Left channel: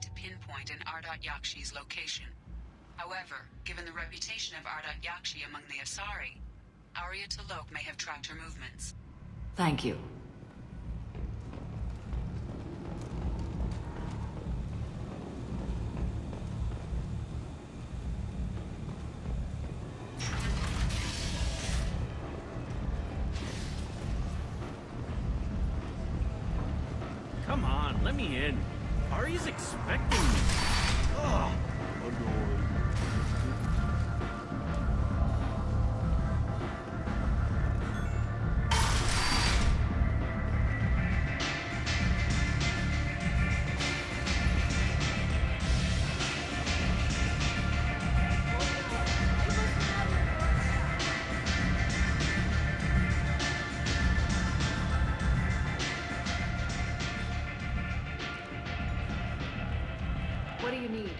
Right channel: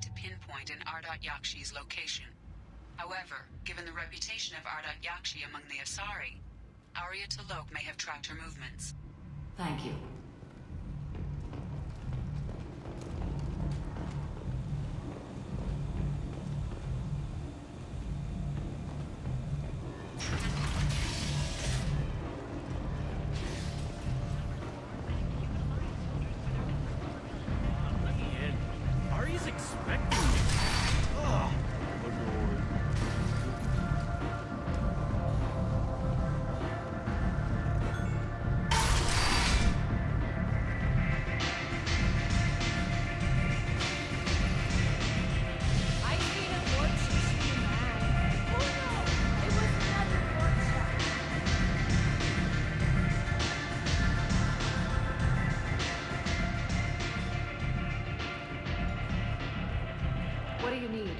to pinpoint an Ardat Yakshi's location. However, given the reputation of Ardat Yakshi among the Asari, Arya T'Loak may have tracked her movements. Thank you. Come on, let me in. What do you need?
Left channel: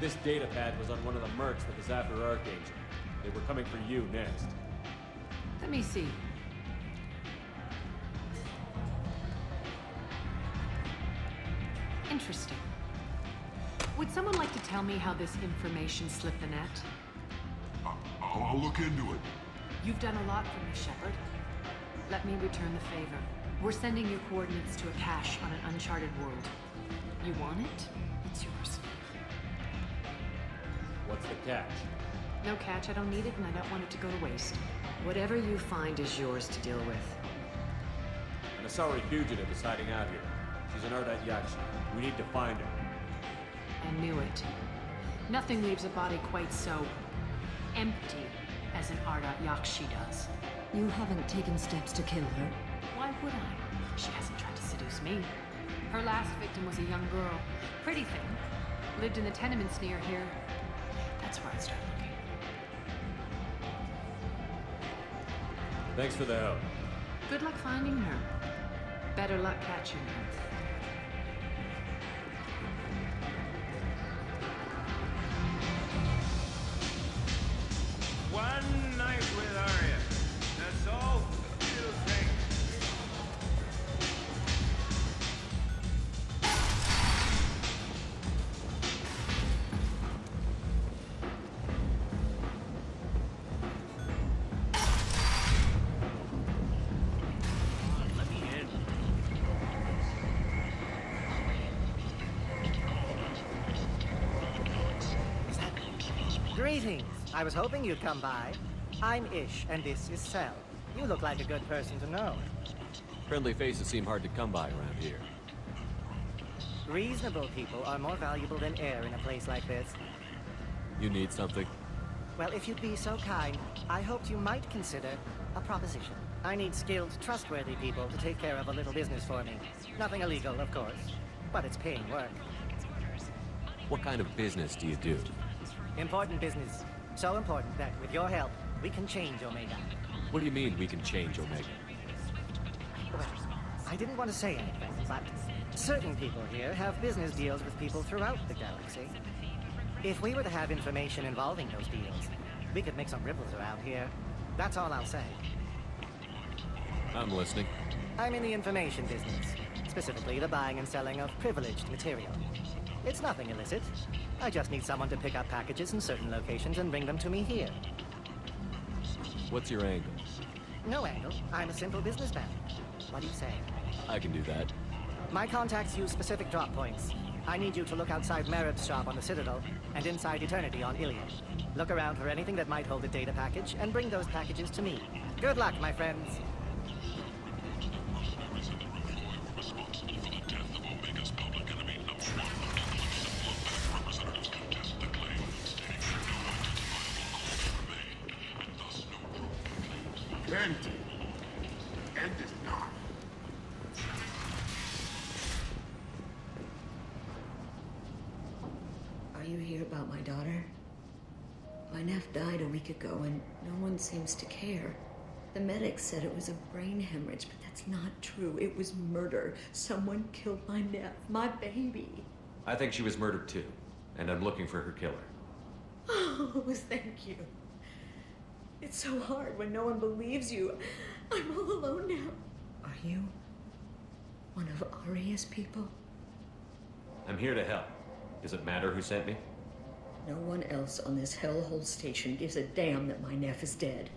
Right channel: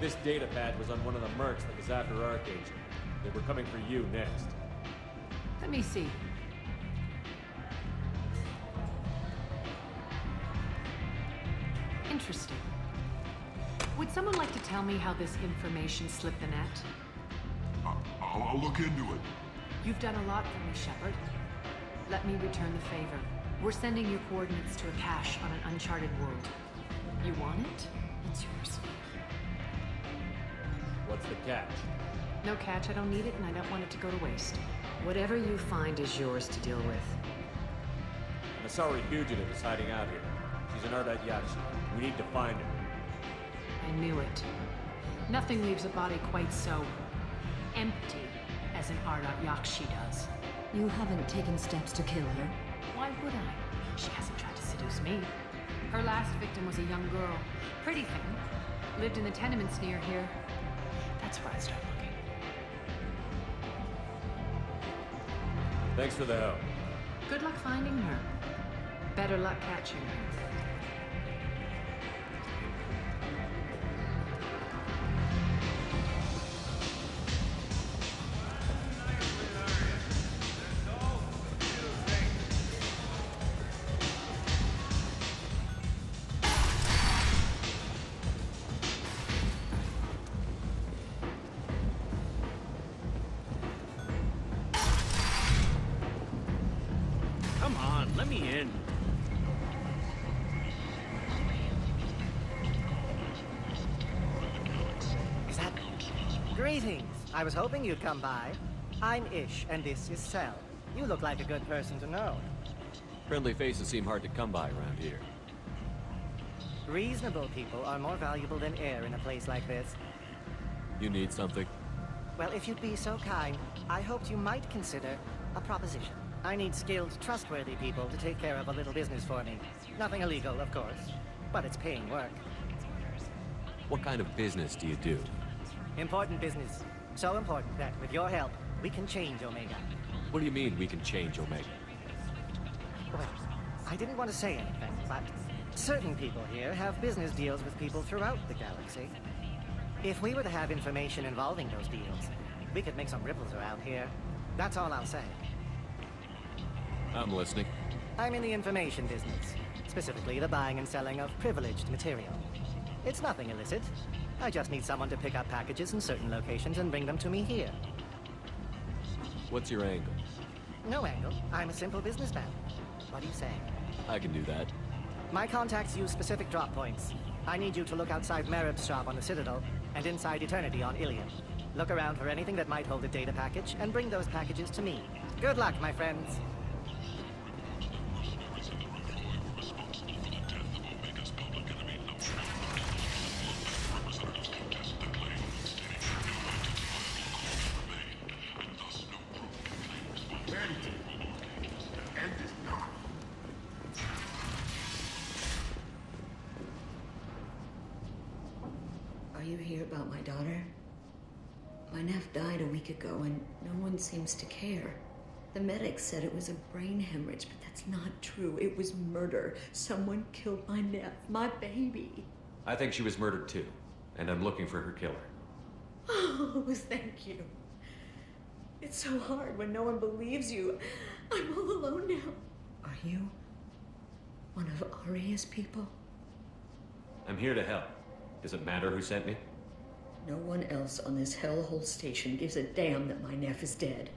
This data pad was on one of the mercs that was after Archangel. They were coming for you next. Let me see. Interesting. Would someone like to tell me how this information slipped the net? I'll look into it. You've done a lot for me, Shepard. Let me return the favor. We're sending your coordinates to a cache on an uncharted world. You want it? It's yours. What's the catch? No catch, I don't need it, and I don't want it to go to waste. Whatever you find is yours to deal with. An Asari fugitive is hiding out here. She's an Ardat Yakshi. We need to find her. I knew it. Nothing leaves a body quite so empty as an Ardat Yakshi does. You haven't taken steps to kill her? Why would I? She hasn't tried to seduce me. Her last victim was a young girl. Pretty thing. Lived in the tenements near here. That's where I'd start looking. Thanks for the help. Good luck finding her. Better luck catching her. One night with Arya. That's all. Come on, let me in. Is that... Greetings. I was hoping you'd come by. I'm Ish, and this is Cell. You look like a good person to know. Friendly faces seem hard to come by around here. Reasonable people are more valuable than air in a place like this. You need something? Well, if you'd be so kind, I hoped you might consider a proposition. I need skilled, trustworthy people to take care of a little business for me. Nothing illegal, of course, but it's paying work. What kind of business do you do? Important business. So important that, with your help, we can change Omega. What do you mean we can change Omega? Well, I didn't want to say anything, but certain people here have business deals with people throughout the galaxy. If we were to have information involving those deals, we could make some ripples around here. That's all I'll say. I'm listening. I'm in the information business, specifically the buying and selling of privileged material. It's nothing illicit. I just need someone to pick up packages in certain locations and bring them to me here. What's your angle? No angle. I'm a simple businessman. What do you say? I can do that. My contacts use specific drop points. I need you to look outside Marib's shop on the Citadel and inside Eternity on Ilium. Look around for anything that might hold a data package and bring those packages to me. Good luck, my friends. Are you here about my daughter? My nephew died a week ago and no one seems to care. The medics said it was a brain hemorrhage, but that's not true. It was murder. Someone killed my nephew, my baby. I think she was murdered too, and I'm looking for her killer. Oh, thank you. It's so hard when no one believes you. I'm all alone now. Are you One of Aria's people? I'm here to help. Does it matter who sent me? No one else on this hellhole station gives a damn that my Neff is dead.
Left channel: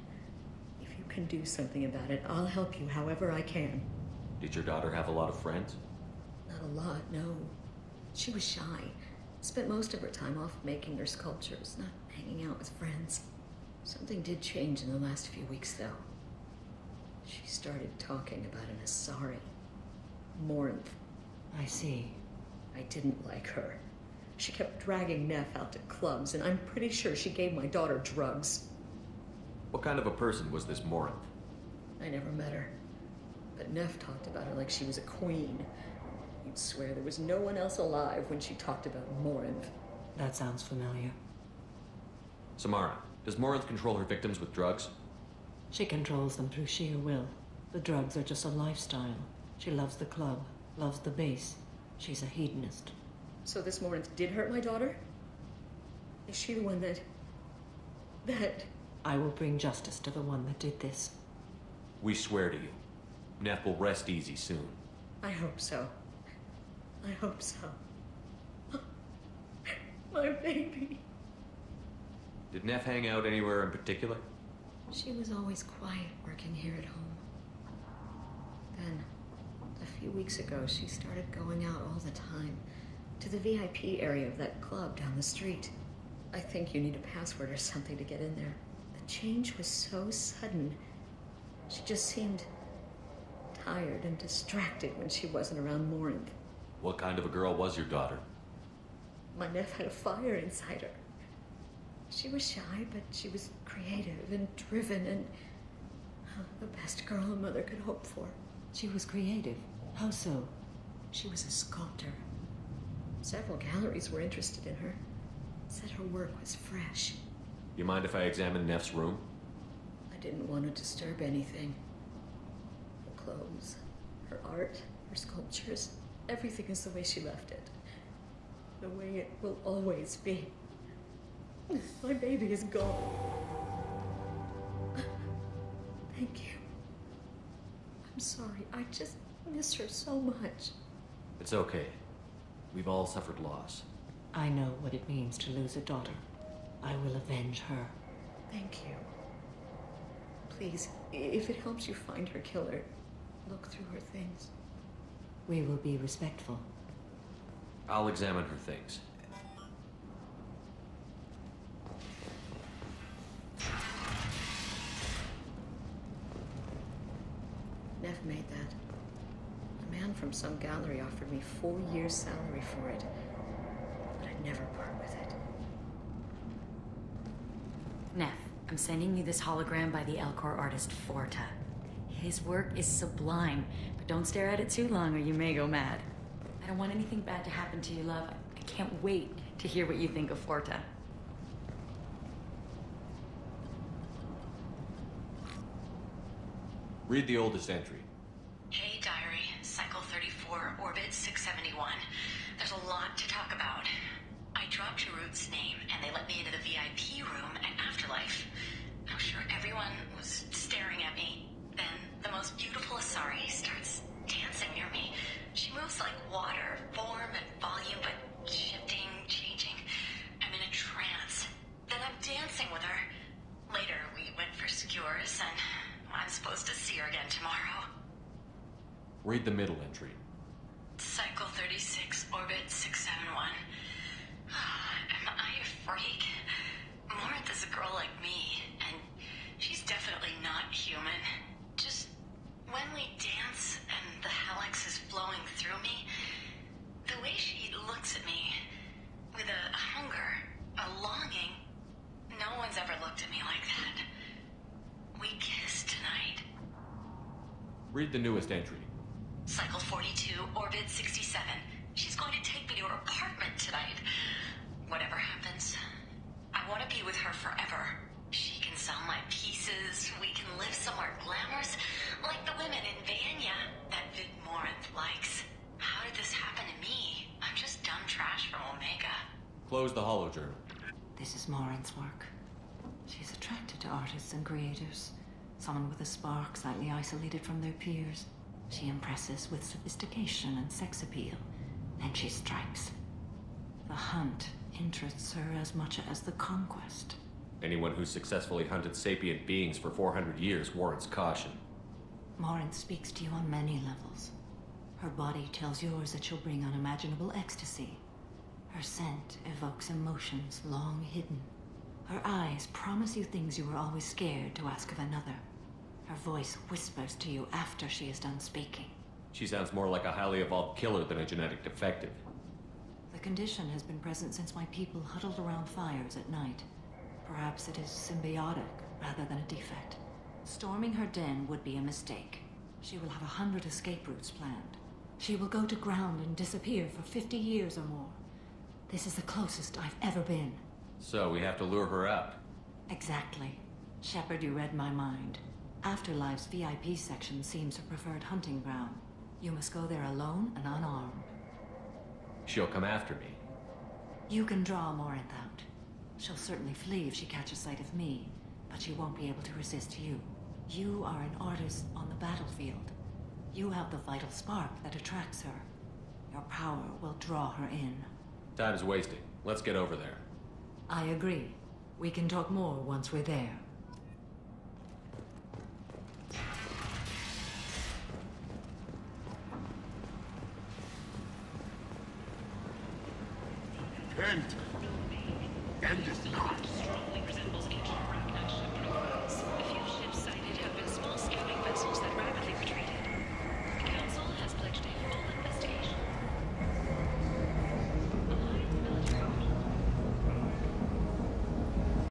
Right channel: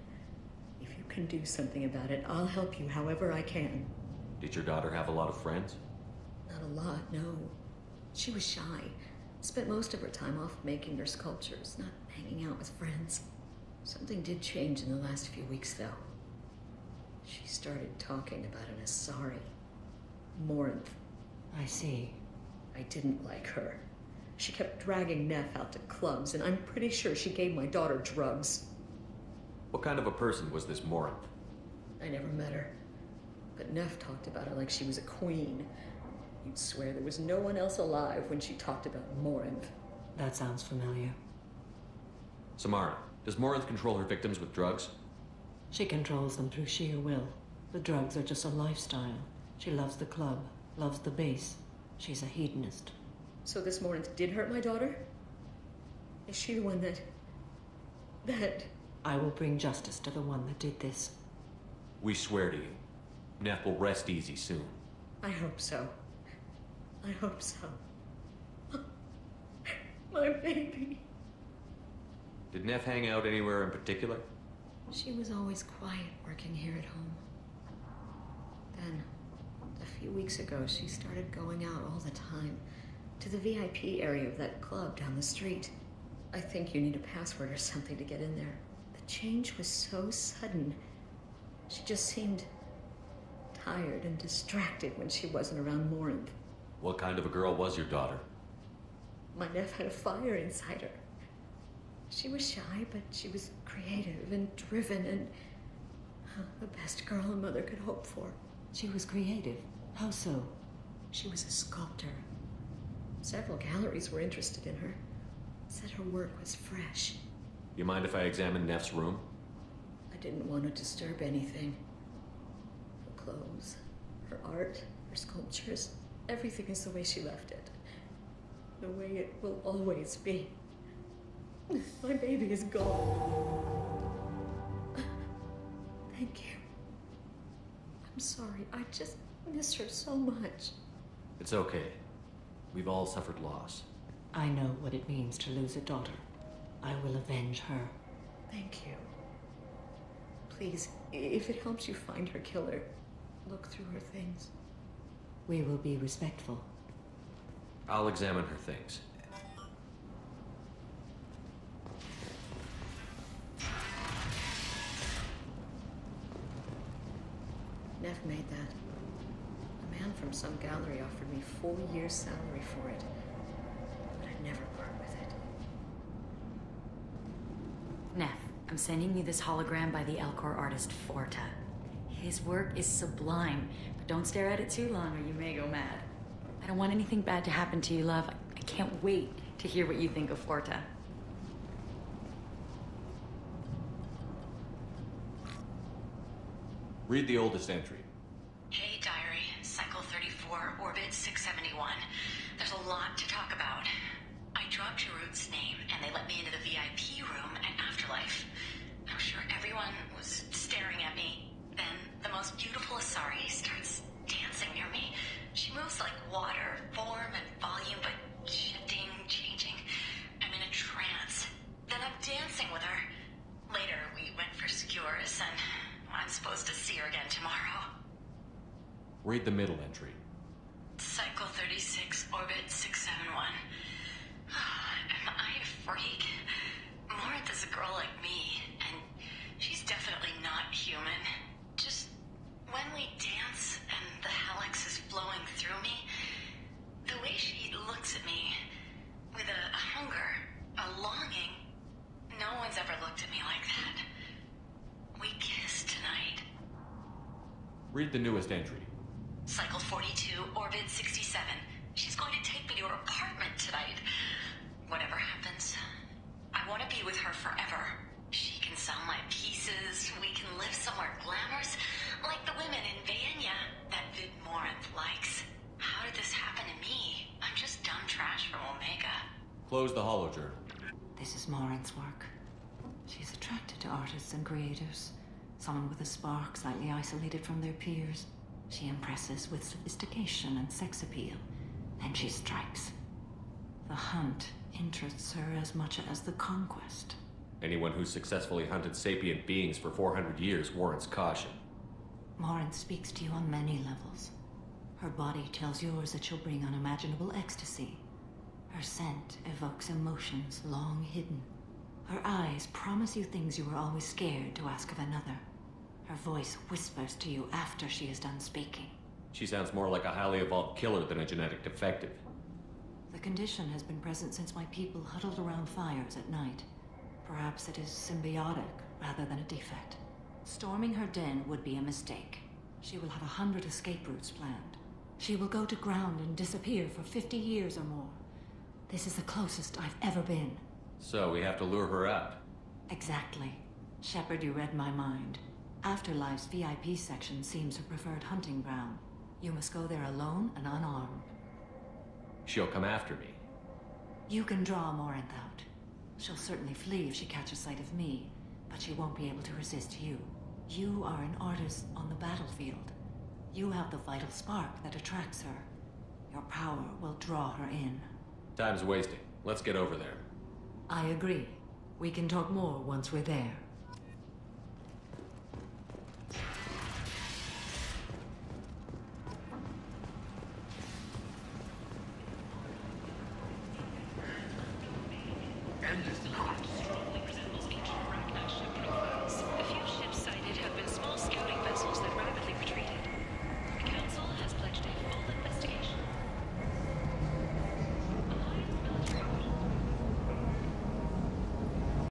If you can do something about it, I'll help you however I can. Did your daughter have a lot of friends? Not a lot, no. She was shy. Spent most of her time off making her sculptures, not hanging out with friends. Something did change in the last few weeks, though. She started talking about an Asari. Morinth. I see. I didn't like her. She kept dragging Neff out to clubs, and I'm pretty sure she gave my daughter drugs. What kind of a person was this Morinth? I never met her. But Neff talked about her like she was a queen. You'd swear there was no one else alive when she talked about Morinth. That sounds familiar. Samara, does Morinth control her victims with drugs? She controls them through sheer will. The drugs are just a lifestyle. She loves the club, loves the base. She's a hedonist. So this Morinth did hurt my daughter? Is she the one that... I will bring justice to the one that did this. We swear to you. Neff will rest easy soon. I hope so. I hope so. My baby. Did Neff hang out anywhere in particular? She was always quiet working here at home. Then, a few weeks ago, she started going out all the time to the VIP area of that club down the street. I think you need a password or something to get in there. The change was so sudden. She just seemed tired and distracted when she wasn't around Morinth. What kind of a girl was your daughter? My Neff had a fire inside her. She was shy, but she was creative and driven and the best girl a mother could hope for. She was creative. How so? She was a sculptor. Several galleries were interested in her. Said her work was fresh. You mind if I examine Neff's room? I didn't want to disturb anything. Her clothes, her art, her sculptures, everything is the way she left it. The way it will always be. My baby is gone. Thank you. I'm sorry. I just miss her so much. It's okay. We've all suffered loss. I know what it means to lose a daughter. I will avenge her. Thank you. Please, if it helps you find her killer, look through her things. We will be respectful. I'll examine her things. Neff, I'm sending you this hologram by the Elcor artist Forta. His work is sublime, but don't stare at it too long or you may go mad. I don't want anything bad to happen to you, love. I can't wait to hear what you think of Forta. Read the oldest entry. Hey, Diary. Cycle 34, Orbit 671. There's a lot to talk about. I dropped Jarut's name, and they let me into the VIP room at Afterlife. I'm sure everyone was staring at me. Then, the most beautiful Asari starts dancing near me. She moves like water, form and volume, but shifting, changing. I'm in a trance. Then I'm dancing with her. Later, we went for skewers, and I'm supposed to see her again tomorrow. Read the middle entry. Cycle 36, Orbit 671. Am I a freak? Morinth is a girl like me, and she's definitely not human. Just when we dance and the helix is flowing through me, the way she looks at me with a hunger, a longing, no one's ever looked at me like that. We kiss tonight. Read the newest entry. Cycle 42, Orbit 67. She's going to take me to her apartment tonight. Whatever happens, I want to be with her forever. She can sell my pieces. We can live somewhere glamorous, like the women in Vanya that Vid Morinth likes. How did this happen to me? I'm just dumb trash from Omega. Close the holojournal. This is Morinth's work. She's attracted to artists and creators. Someone with a spark, slightly isolated from their peers. She impresses with sophistication and sex appeal. Then she strikes. The hunt interests her as much as the conquest. Anyone who's successfully hunted sapient beings for 400 years warrants caution. Morin speaks to you on many levels. Her body tells yours that she'll bring unimaginable ecstasy. Her scent evokes emotions long hidden. Her eyes promise you things you were always scared to ask of another. Her voice whispers to you after she is done speaking. She sounds more like a highly evolved killer than a genetic defective. The condition has been present since my people huddled around fires at night. Perhaps it is symbiotic rather than a defect. Storming her den would be a mistake. She will have 100 escape routes planned. She will go to ground and disappear for 50 years or more. This is the closest I've ever been. So we have to lure her out. Exactly. Shepard, you read my mind. Afterlife's VIP section seems her preferred hunting ground. You must go there alone and unarmed. She'll come after me. You can draw Morinth out. She'll certainly flee if she catches sight of me, but she won't be able to resist you. You are an artist on the battlefield. You have the vital spark that attracts her. Your power will draw her in. Time's wasting. Let's get over there. I agree. We can talk more once we're there.